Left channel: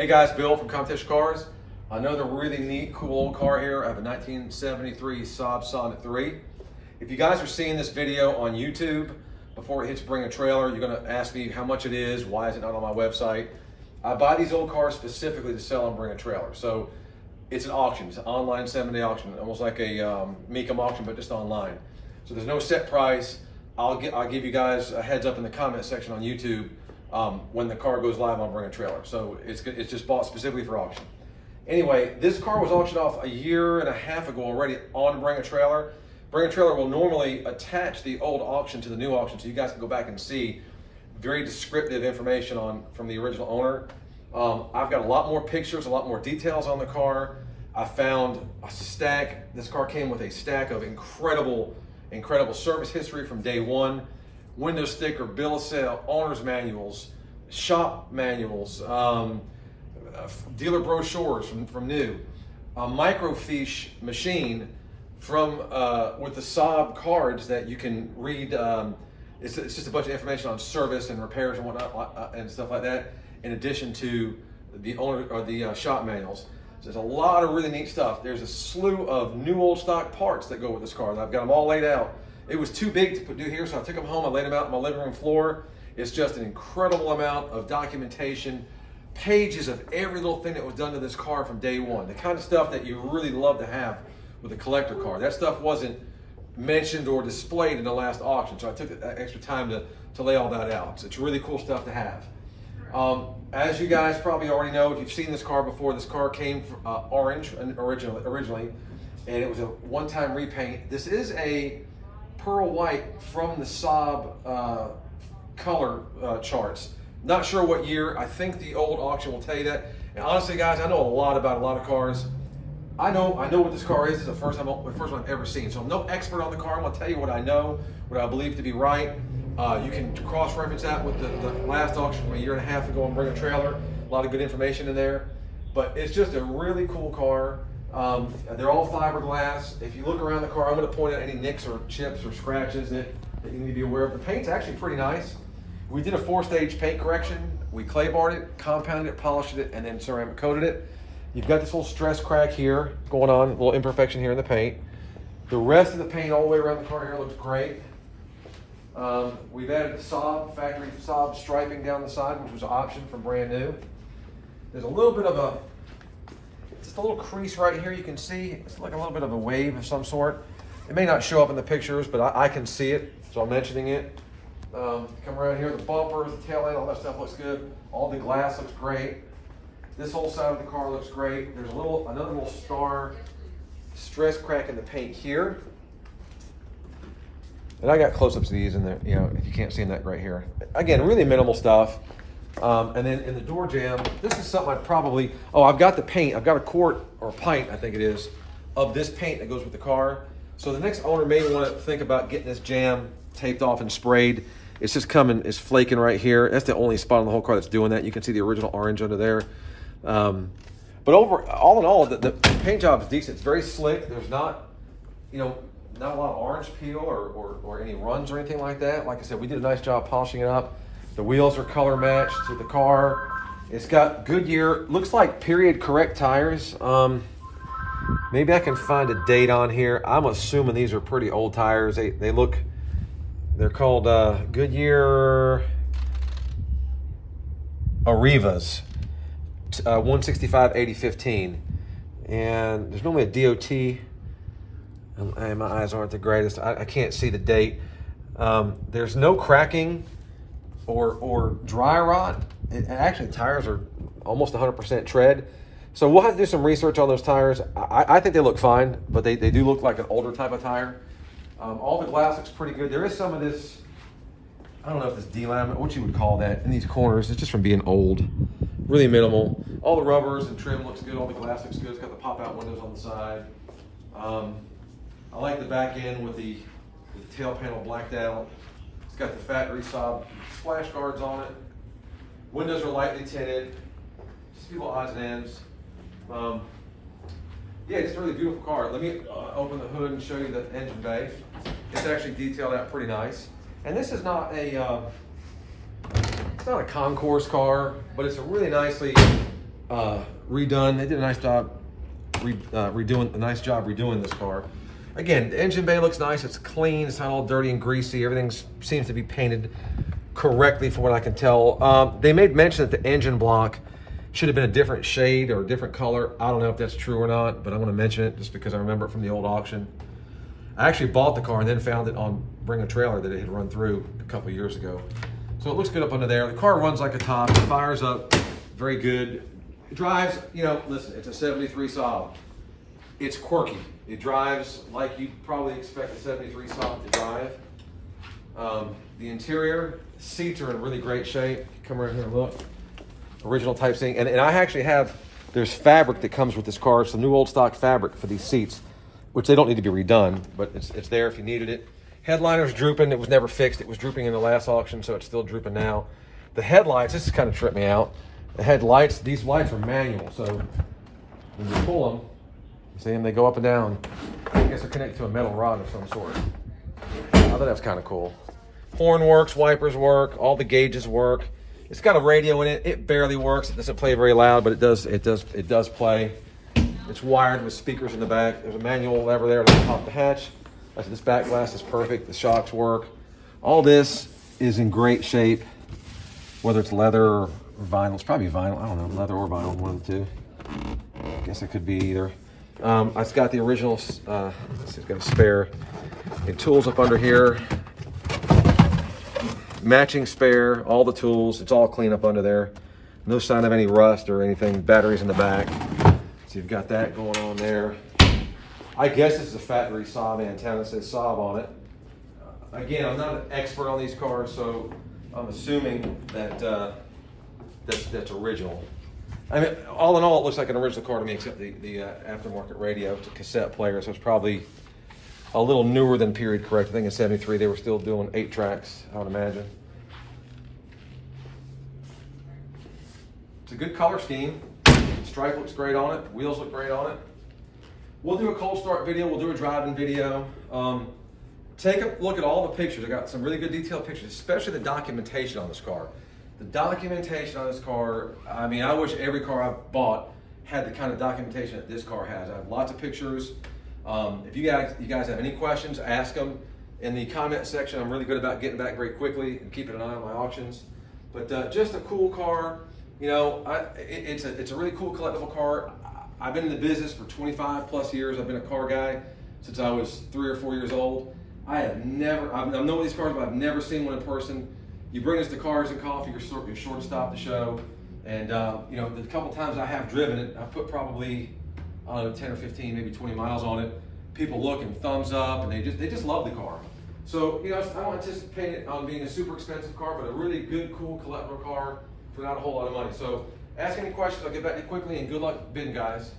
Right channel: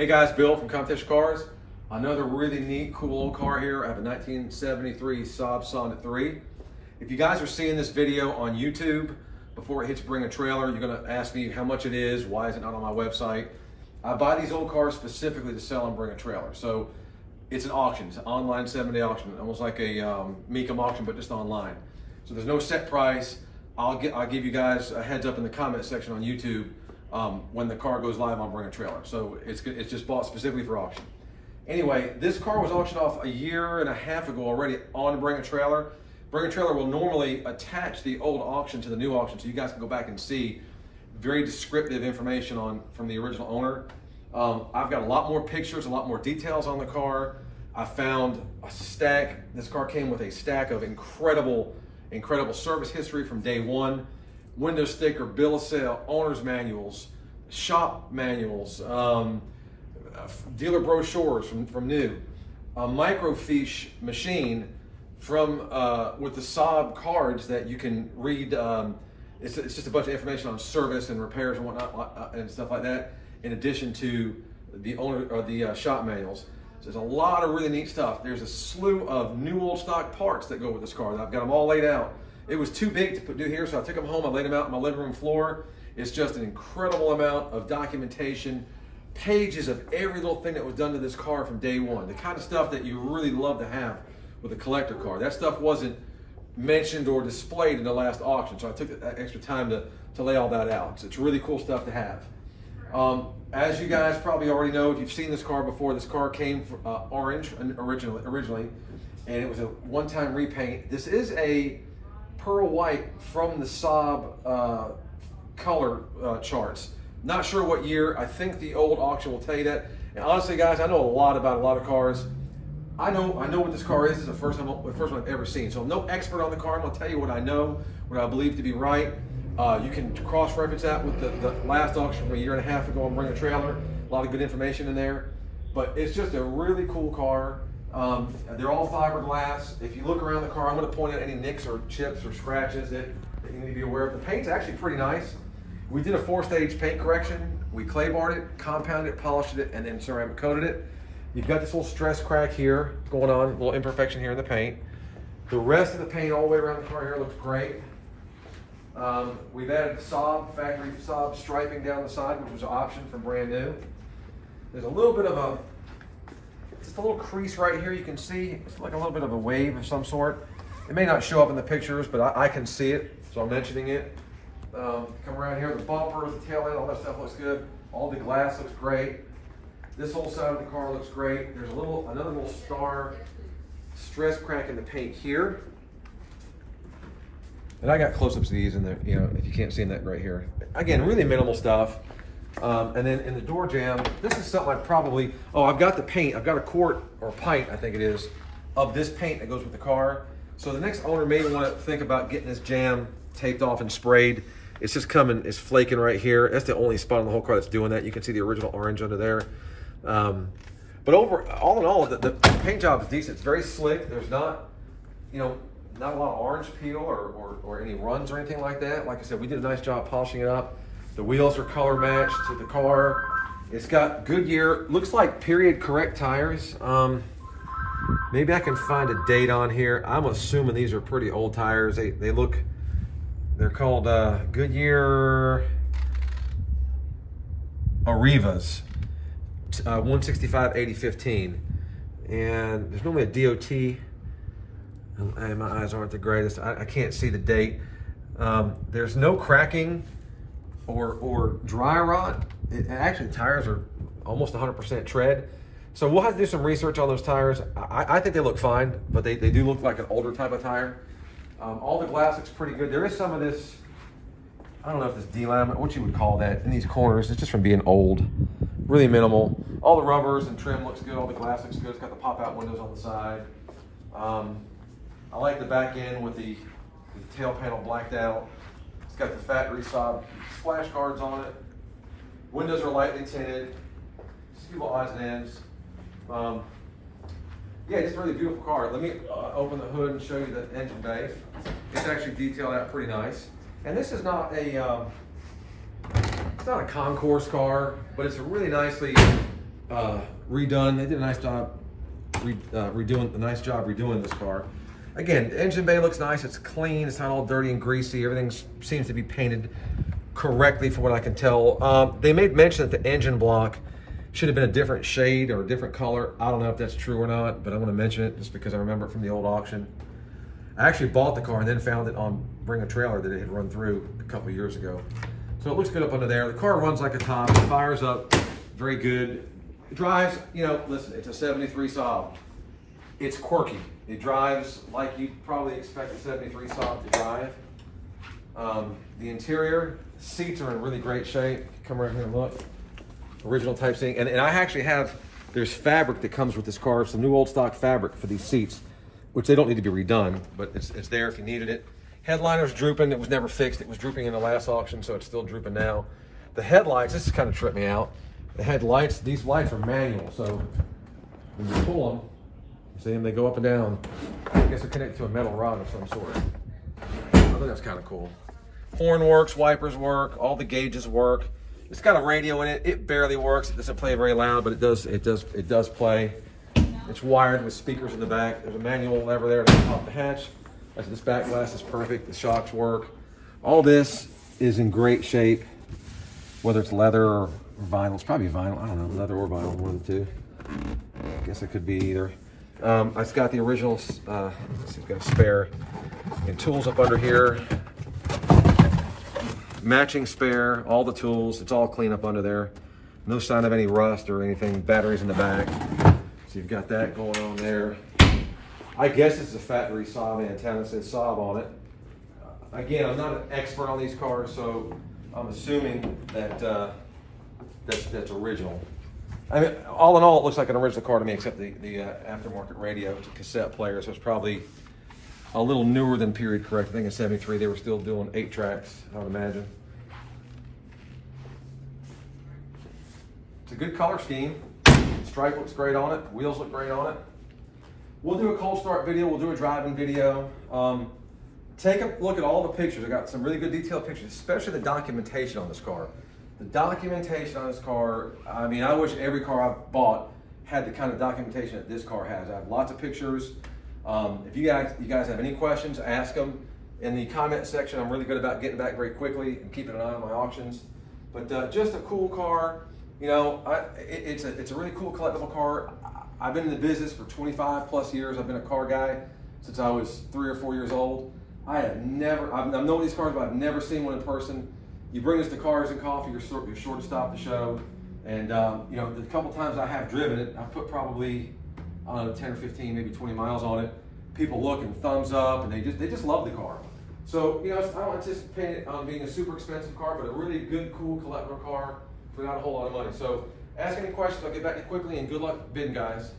Hey guys, Bill from Competition Cars. Another really neat, cool old car here. I have a 1973 Saab Sonett 3. If you guys are seeing this video on YouTube, before it hits bring a trailer, you're gonna ask me how much it is, why is it not on my website? I buy these old cars specifically to sell and bring a trailer. So it's an auction, it's an online 7-day auction, almost like a Mecum auction, but just online. So there's no set price. I'll give you guys a heads up in the comment section on YouTube. When the car goes live, I'll bring a trailer. So it's just bought specifically for auction. Anyway, this car was auctioned off a year and a half ago already on Bring a Trailer. Bring a Trailer will normally attach the old auction to the new auction, so you guys can go back and see very descriptive information from the original owner. I've got a lot more pictures, a lot more details on the car. I found a stack. This car came with a stack of incredible service history from day one. Window sticker, bill of sale, owner's manuals, shop manuals, dealer brochures from new, a microfiche machine from with the Saab cards that you can read. It's just a bunch of information on service and repairs and whatnot and stuff like that, in addition to the owner or the shop manuals. So there's a lot of really neat stuff. There's a slew of new old stock parts that go with this car. I've got them all laid out. It was too big to do here, so I took them home. I laid them out on my living room floor. It's just an incredible amount of documentation, pages of every little thing that was done to this car from day one. The kind of stuff that you really love to have with a collector car. That stuff wasn't mentioned or displayed in the last auction, so I took that extra time to lay all that out. So it's really cool stuff to have. As you guys probably already know, if you've seen this car before, this car came orange originally, and it was a one-time repaint. This is a pearl white from the Saab color charts. Not sure what year. I think the old auction will tell you that. And honestly, guys, I know a lot about a lot of cars. I know what this car is. It's the first one I've ever seen. So I'm no expert on the car. I'm gonna tell you what I know, what I believe to be right. You can cross-reference that with the last auction from a year and a half ago and Bring a Trailer. A lot of good information in there. But it's just a really cool car. They're all fiberglass. If you look around the car, I'm going to point out any nicks or chips or scratches that you need to be aware of. The paint's actually pretty nice. We did a 4-stage paint correction. We clay barred it, compounded it, polished it, and then ceramic coated it. You've got this little stress crack here going on, a little imperfection here in the paint. The rest of the paint all the way around the car here looks great. We've added the Saab, factory Saab striping down the side, which was an option from brand new. There's a little bit of just a little crease right here. You can see it's like a little bit of a wave of some sort. It may not show up in the pictures, but I can see it, so I'm mentioning it. Come around here, the bumpers, the tail light, all that stuff looks good. All the glass looks great. This whole side of the car looks great. There's another little star stress crack in the paint here. And I got close-ups of these in there, you know, if you can't see that right here. Again, really minimal stuff. And then in the door jamb, this is something I'd probably, I've got the paint. I've got a quart or pint, I think it is, of this paint that goes with the car. So the next owner may want to think about getting this jamb taped off and sprayed. It's just it's flaking right here. That's the only spot on the whole car that's doing that. You can see the original orange under there. But all in all, the paint job is decent. It's very slick. There's not a lot of orange peel or any runs or anything like that. Like I said, we did a nice job polishing it up. The wheels are color matched to the car. It's got Goodyear, looks like period correct tires. Maybe I can find a date on here. I'm assuming these are pretty old tires. They're called Goodyear Arrivas, 165/80/15. And there's normally a DOT. And my eyes aren't the greatest. I can't see the date. There's no cracking or dry rot. Actually, the tires are almost 100% tread. So we'll have to do some research on those tires. I think they look fine, but they do look like an older type of tire. All the glass looks pretty good. There is some of this, I don't know if this delaminate, what you would call that, in these corners. It's just from being old. Really minimal. All the rubbers and trim looks good. All the glass looks good. It's got the pop-out windows on the side. I like the back end with the tail panel blacked out. It's got the factory Saab splash guards on it. Windows are lightly tinted. Just a few little odds and ends. Yeah, just a really beautiful car. Let me open the hood and show you the engine bay. It's actually detailed out pretty nice. And this is not a, it's not a concourse car, but it's a really nicely redone. They did a nice job redoing this car. Again, the engine bay looks nice. It's clean. It's not all dirty and greasy. Everything seems to be painted correctly from what I can tell. They made mention that the engine block should have been a different shade or a different color. I don't know if that's true or not, but I'm going to mention it just because I remember it from the old auction. I actually bought the car and then found it on Bring a Trailer that it had run through a couple of years ago. So it looks good up under there. The car runs like a top. It fires up very good. It drives, you know, listen, it's a 73 Saab. It's quirky. It drives like you'd probably expect a 73 Saab to drive. The interior, seats are in really great shape. Come around here and look. Original type seating. And I actually have, there's fabric that comes with this car. Some new old stock fabric for these seats, which they don't need to be redone, but it's there if you needed it. Headliner's drooping. It was never fixed. It was drooping in the last auction, so it's still drooping now. The headlights, this kind of tripped me out. The headlights, these lights are manual, so when you pull them, you see them, they go up and down. I guess they're connected to a metal rod of some sort. I thought that was kind of cool. Horn works, wipers work, all the gauges work. It's got a radio in it. It barely works. It doesn't play very loud, but it does play. It's wired with speakers in the back. There's a manual lever there to pop the hatch. This back glass is perfect. The shocks work. All this is in great shape, whether it's leather or vinyl. It's probably vinyl. I don't know, leather or vinyl, one of the two. I guess it could be either. It's got the original, it's got a spare. And tools up under here. Matching spare, all the tools. It's all clean up under there. No sign of any rust or anything. Batteries in the back. So you've got that going on there. I guess this is a factory Saab antenna. It says Saab on it. Again, I'm not an expert on these cars, so I'm assuming that that's original. I mean, all in all, it looks like an original car to me, except the aftermarket radio. It's a cassette player, so it's probably a little newer than period correct. I think in '73 they were still doing 8 tracks, I would imagine. It's a good color scheme. Stripe looks great on it. Wheels look great on it. We'll do a cold start video. We'll do a driving video. Take a look at all the pictures. I got some really good detailed pictures, especially the documentation on this car. The documentation on this car, I mean, I wish every car I've bought had the kind of documentation that this car has. I have lots of pictures. If you guys have any questions, ask them in the comment section. I'm really good about getting back very quickly and keeping an eye on my auctions. But just a cool car. You know, it's a really cool collectible car. I've been in the business for 25 plus years. I've been a car guy since I was 3 or 4 years old. I've known these cars, but I've never seen one in person. You bring us to Cars and Coffee, you're sure to stop the show. And you know, the couple times I have driven it, I put probably, I don't know, 10 or 15, maybe 20 miles on it. People look and thumbs up, and they just love the car. So, you know, I don't anticipate it on being a super expensive car, but a really good, cool collectible car for not a whole lot of money. So ask any questions, I'll get back to you quickly, and good luck bidding, guys.